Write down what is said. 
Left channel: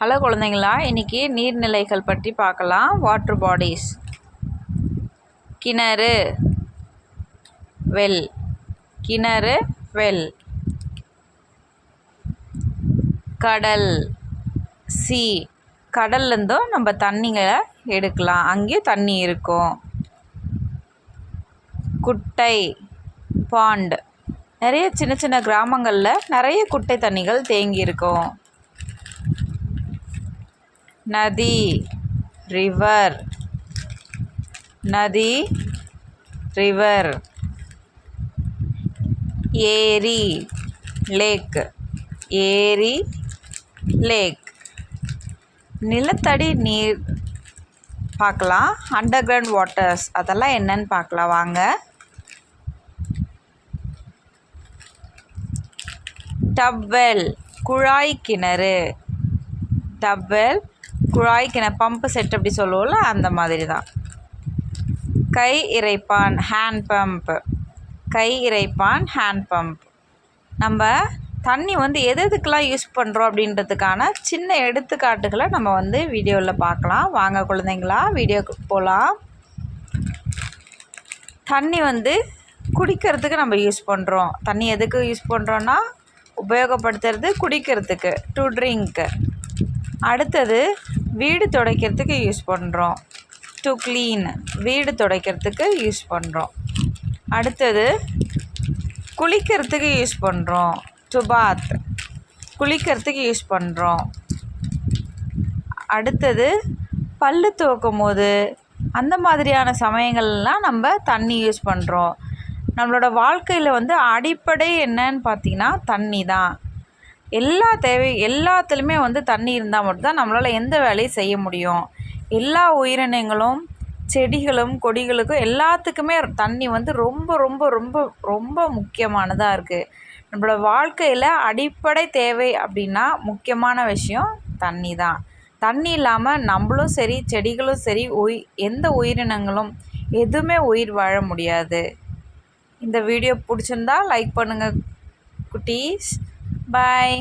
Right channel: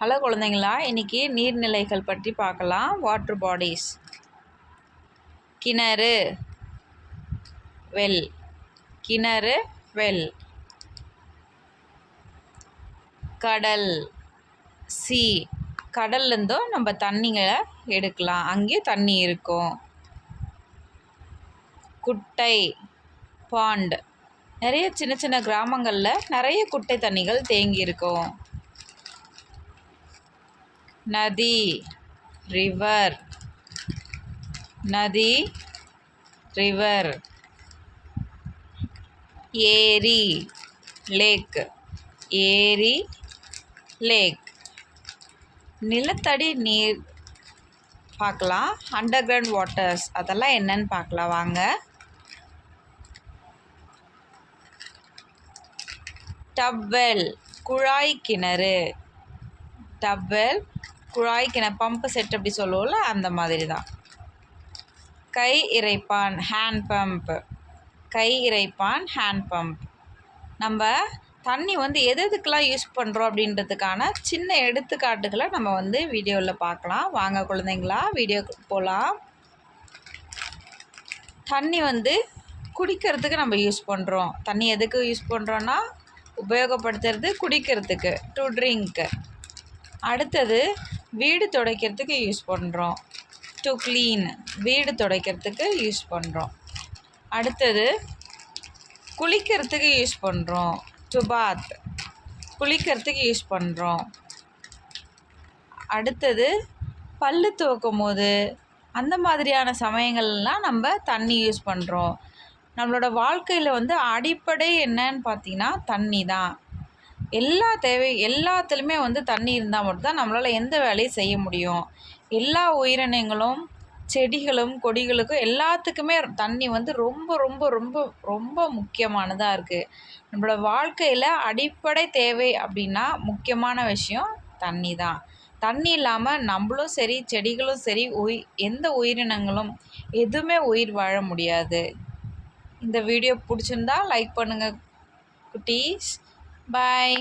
Hello குழந்தைங்களா, இன்றைக்கி நீர்நிலைகள் பற்றி பார்க்கலாம். Water bodies. கிணறு, வெல். கிணறு, வெல். கடல், சி. கடல்லேருந்தும் நம்ம தண்ணிங்களை எடுக்கலாம், அங்கேயும் தண்ணி இருக்கும். குட்டை, பாண்ட். நிறைய சின்ன சின்ன கிராமங்களில் நிறைய குட்டை தண்ணிகள் தேங்கி இருக்கும். நதி, ரிவர். நதி, ரிவர். ஏரி, லேக். ஏரி, லேக். நிலத்தடி நீர் பார்க்கலாம். அண்டர் கிரவுண்ட் வாட்டர்ஸ், அதெல்லாம் என்னன்னு பார்க்கலாம் வாங்க. டப்வெல், குழாய் கிணறு. டப்வெல், குழாய் கிணறு, பம்பு செட் அப்படி சொல்லுவோம்ல, அந்த மாதிரி தான். கை இறைப்பான், ஹேண்ட் பம்ப். கை இறைப்பான், ஹேண்ட் பம்ப். நம்ம தண்ணி எதுக்கெல்லாம் யூஸ் பண்ணுறோம் அப்படின்றதுக்கான சின்ன எடுத்துக்காட்டுகளை நம்ம வீடியோவில் பார்க்கலாம் வாங்க குழந்தைங்களா. வீடியோக்கு போகலாம். தண்ணி குடிக்கிறதுக்கு நம்ம யூஸ் பண்ணுறோம். தண்ணி எதுக்கு யூஸ் பண்ணுறோன்னா உபயோகப்படுத்துறது குடிக்கிறதுக்கு, டு ட்ரிங்க். அடுத்தது வீடு துடைக்கிறதுக்கு யூஸ் பண்ணுறோம், டு க்ளீன். வீடு துடைக்கிறதுக்கு யூஸ் பண்ணுறோம். அடுத்தது குளிக்கிறதுக்கு யூஸ் பண்ணுறோம், டு பாத். குளிக்கிறதுக்கு யூஸ் பண்ணுறோம். அடுத்தது பல்லு துவக்கும் போது அந்த மாதிரியான சமயங்கள்லாம் நம்ம தண்ணி யூஸ் பண்ணுறோம். நம்மளோட வாழ்க்கையில் அடிப்படை என்னன்னு பார்த்திங்கன்னா தண்ணி தான். எல்லாத்துலேயுமே தண்ணி இருந்தால் மட்டும்தான் நம்மளால் எந்த வேலையும் செய்ய முடியும். எல்லா உயிரினங்களும், செடிகளும், கொடிகளுக்கும் எல்லாத்துக்குமே தண்ணி ரொம்ப ரொம்ப ரொம்ப ரொம்ப முக்கியமானதாக இருக்குது. நம்மளோட வாழ்க்கையில் அடிப்படை தேவை அப்படின்னா முக்கியமான விஷயம் தண்ணி தான். தண்ணி இல்லாமல் நம்மளும் சரி, செடிகளும் சரி, எந்த உயிரினங்களும் எதுவுமே உயிர் வாழ முடியாது. இந்த வீடியோ பிடிச்சிருந்தா லைக் பண்ணுங்கள் குட்டீஸ். பாய்.